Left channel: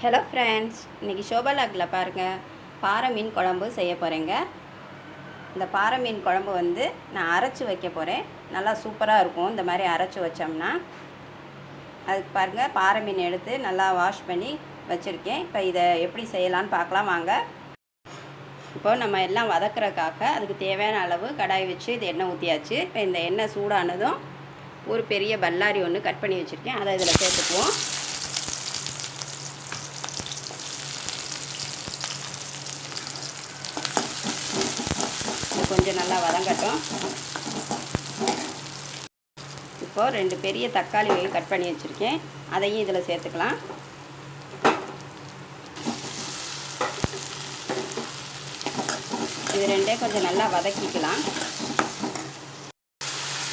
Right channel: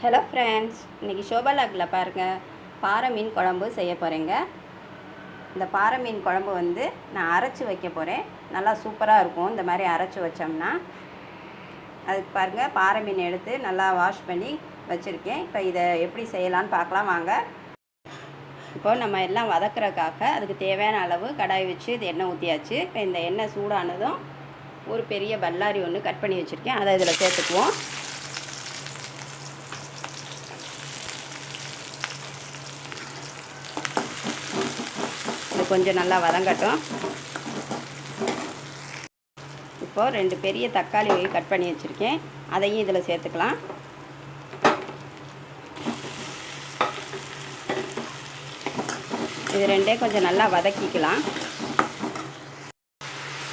Hello friends, இன்றைக்கி ஷோபாலாகில் பாருங்கள், பாறை மீன் குழம்பு செய்ய போகிறேங்க. இந்த பாறை மீன் குழம்பு வந்து நான் அரைச்சி வைக்க போகிறேன். நல்லா சூப்பராக இருக்கும் இந்த மாதிரி அரைச்சி வச்சோம்னா. அதுக்கு பாருங்கள், பாறை மீன் எடுத்து நல்லா வாஷ் பண்ணி வச்சுருக்கேன். இப்போ இதை எப்படி செய்யலான்னு பார்க்கலாம் வாங்க. இப்போது நம்ம எல்லாம் வதக்குறதுக்காக அதுக்கு தேவையான அளவு கடாய் வச்சு இது எண்ணெய் ஊற்றியாச்சு. இப்போ இந்த எண்ணெய் சூடானதும் ஒரு பெரிய பல்லாரி ஒன்று கட் பண்ணி வச்சுருக்கேன், அதை இதில் சேர்த்துக்குவோம். கொஞ்சம் நல்லா வதங்கட்டும். இப்போது 2 பெரிய தக்காளி கட் பண்ணி வச்சுருக்கேன், அதையும் இதில் சேர்த்துக்கலாம். இது ரெண்டே கொஞ்சம் நல்லா வதக்கிக்கலாம்.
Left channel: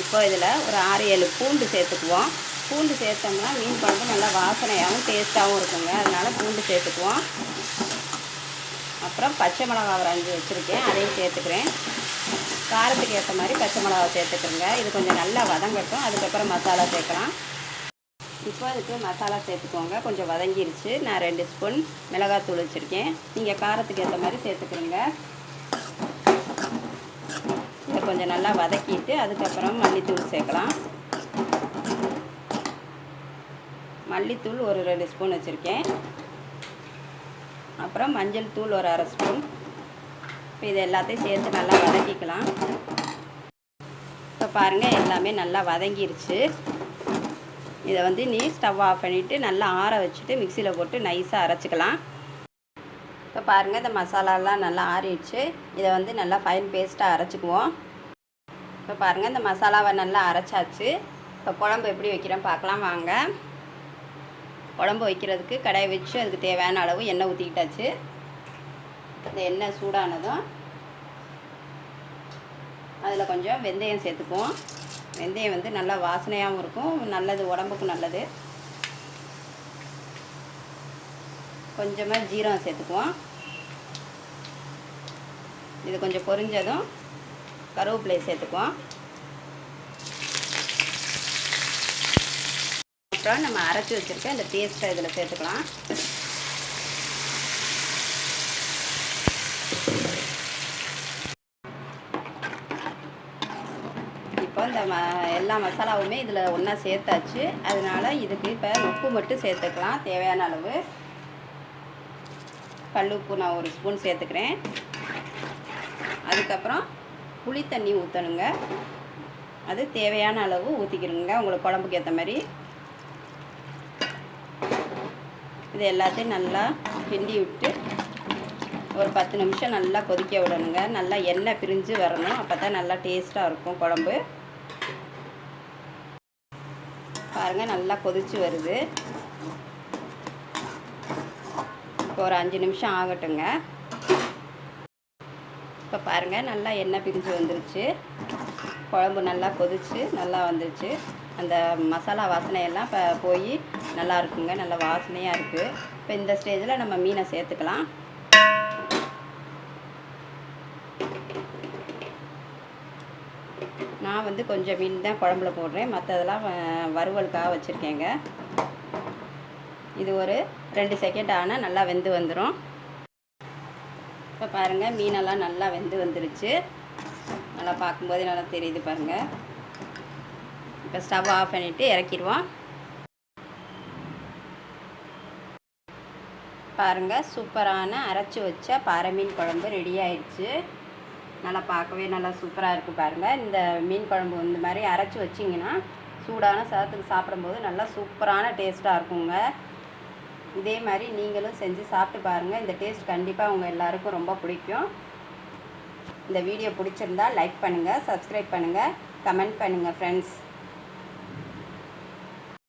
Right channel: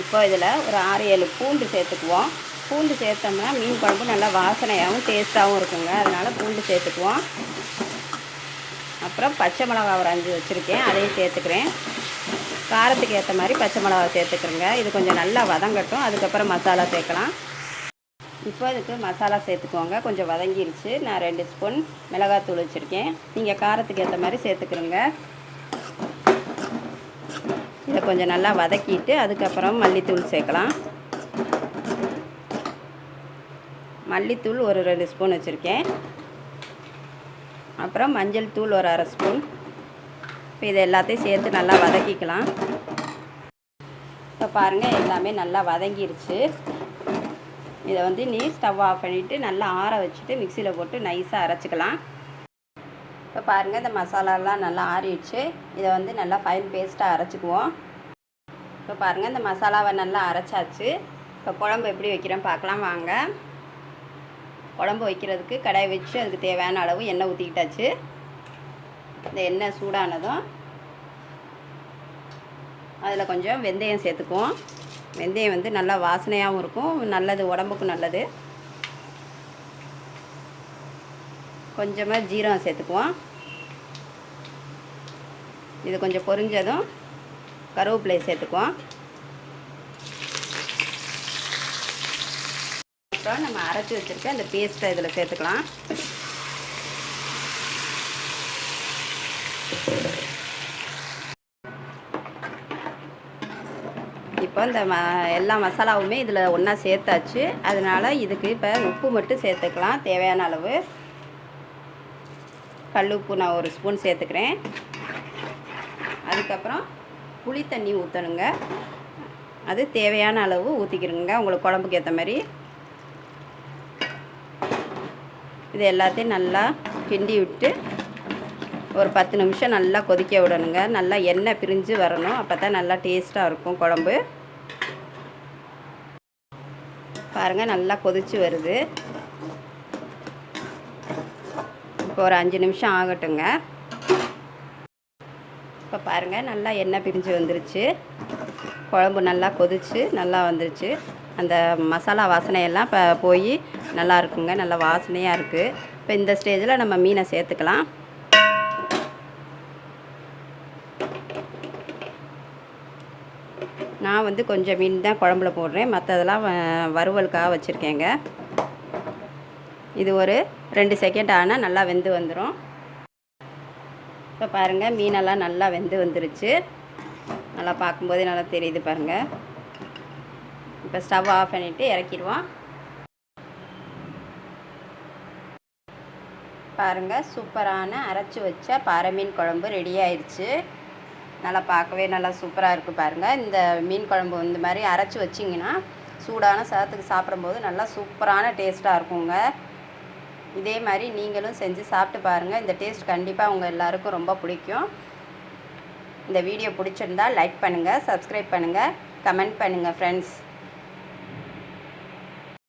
இப்போ இதில் ஒரு 6-7 பூண்டு சேர்த்துக்குவோம். பூண்டு சேர்த்தோம்னா மீன் குழம்பு நல்லா வாசனையாகவும் டேஸ்ட்டாகவும் இருக்குங்க, அதனால் பூண்டு சேர்த்துக்குவோம். அப்புறம் பச்சை மிளகா ஒரு 5 வச்சுருக்கேன், அதையும் சேர்த்துக்கிறேன். காரத்துக்கு ஏற்ற மாதிரி பச்சை மிளகா சேர்த்துக்கிறேங்க. இது கொஞ்சம் நல்லா வதங்கட்டும், அதுக்கப்புறம் மசாலா சேர்க்கலாம். இப்போ இதுக்கு மசாலா சேர்த்துக்கோங்க. கொஞ்சம் வதங்கிருச்சு. நான் 2 ஸ்பூன் மிளகாத்தூள் வச்சுருக்கேன், நீங்கள் காரத்துக்கு ஏற்ற மாதிரி சேர்த்துக்கிறேங்க. இதை கொஞ்சம் நல்லா வதக்கிட்டு அதுக்கப்புறம் மல்லித்தூள் சேர்க்கலாம். மல்லித்தூள் ஒரு 2 ஸ்பூன் வச்சுருக்கேன். அப்புறம் மஞ்சள் தூள் ஒரு 1/2 ஸ்பூன். இப்போ இதை எல்லாத்தையும் சேர்த்து நல்லா வதக்கிக்கலாம். இப்போ பாருங்கள், எல்லாமே நல்லா வதங்கிருச்சு. இதை வந்து ஸ்டவ் ஆஃப் பண்ணிவிட்டு நல்லா ஆற வச்சுட்டு மிக்சியில் போட்டு நைஸாக அரைச்சிக்கலாம். இப்போ பாருங்கள், இந்த மசாலாலாம் நல்லா ஆறிடுச்சு. இதை வந்து நல்லா ஃபைன் பேஸ்ட்டாக அரைச்சிக்குவோம். இப்போ பாருங்கள், இந்த மசாலாவை நல்லா அரைச்சாச்சு. இப்போ குழம்பு எப்படி வைக்கிறேன்னு பார்க்கலாம் வாங்க. குழம்பு வைக்கிறதுக்கு கடாய் வச்சு அதுக்கு தேவையான அளவு எண்ணெய் ஊற்றிக்கிட்டாச்சு. இந்த எண்ணெய் சூடானதும் அதில் கொஞ்சம் வெந்தயம் சேர்த்துக்குவோம். வெந்தயம் வந்து நல்லா வாசனையாகவும் இருக்கும், நல்லது, உடம்புக்கு நல்லது. கொஞ்சமாக ஜீரகம் சேர்த்துக்குவோம். இது கொஞ்சம் பொரிஞ்சதும் கருவேப்பிலை சேர்த்துக்குவோம். அப்புறம் நம்ம அரைச்சி வச்சுருக்க அந்த பேஸ்ட்டை இதில் சேர்த்துக்கலாம். இப்போ இந்த எல்லா மசாலாவுமே இதில் ஒன்றா சேர்த்தாச்சு. அதனால் இதுக்கு இப்போ உப்பு மட்டும் சேர்த்துக்கலாம், தேவையான அளவு. கல் உப்பு நான் 1 ஸ்பூன் சேர்த்துக்கிறேன். அதுக்கப்புறம் புளி தண்ணி ஊற்றணுங்க, அது தேவையான அளவு ஊற்றிக்கிறேங்க, உங்களுக்கு குழம்புக்கு ஏற்ற மாதிரி. இது எல்லாத்தையும் நல்லா கிண்டி விட்டு ஒரு 10 நிமிஷம் நல்லா கொதிக்க விடணுங்க. நல்லா எண்ணெய் பிரிஞ்சு வரணும், அப்போ தான் நல்லா டேஸ்ட்டாக இருக்கும் குழம்பு. பாருங்கள், நல்லா கொதிச்சு வருது. இப்போ ஒரு 5 நிமிஷம் ஆகட்டுங்க. இப்போ பாருங்கள், நல்லா எண்ணெய் பிரிஞ்சு வந்துருச்சு. குழம்பு நல்லா கொதிச்சு நல்லா வந்துருச்சு. அந்த மசாலா வாசனையெல்லாம் இப்போ போய் நல்லா இருக்குங்க, நல்லா வாசனையாக இருக்குது. இப்போ இந்த ஸ்டேஜில் நம்ம மீனை சேர்த்துக்கலாம். நான் வந்து கொஞ்சம் மீன் தான் குழம்புல போடுறேன், மற்றதெல்லாம் வறுவலுக்காக வச்சுருக்கேங்க. இது ஒரு 2 செகண்ட் ஆனால் நல்லா வெந்து வந்துடும். இப்போ பாருங்கள், மீனெல்லாம் நல்லா வெந்து வந்துருச்சு. நல்லா பார்க்கும்போதே நல்லா தெரியுது பாருங்கள். இப்போ ஸ்டவ் ஆஃப் பண்ணிவிட்டு இறக்கிடுவோம். பாருங்கள், சூப்பரான அரைச்சி வச்ச பாறை மீன் குழம்பு ரெடி ஆயிடுச்சு. நல்லா பார்க்கவே நல்லா சூப்பராக இருக்குது பாருங்கள். இந்த மீன் குழம்பு இந்த மாதிரி அரைச்சி வச்சிங்கன்னா சூடான சாதத்துக்கு சாப்பிடும்போது நல்லா சூப்பரான டேஸ்ட்டாக இருக்குங்க. இதே மாதிரி நீங்களும் செஞ்சு சாப்பிட்டு பாருங்கள். இந்த டேஸ்ட் கண்டிப்பாக உங்கள் எல்லாருக்கும் ரொம்ப பிடிக்கும். இந்த வீடியோ பிடிச்சிருந்தால் லைக் பண்ணுங்கள், சப்ஸ்கிரைப் பண்ணுங்கள், கமெண்ட் பண்ணுங்கள் ஃப்ரெண்ட்ஸ்.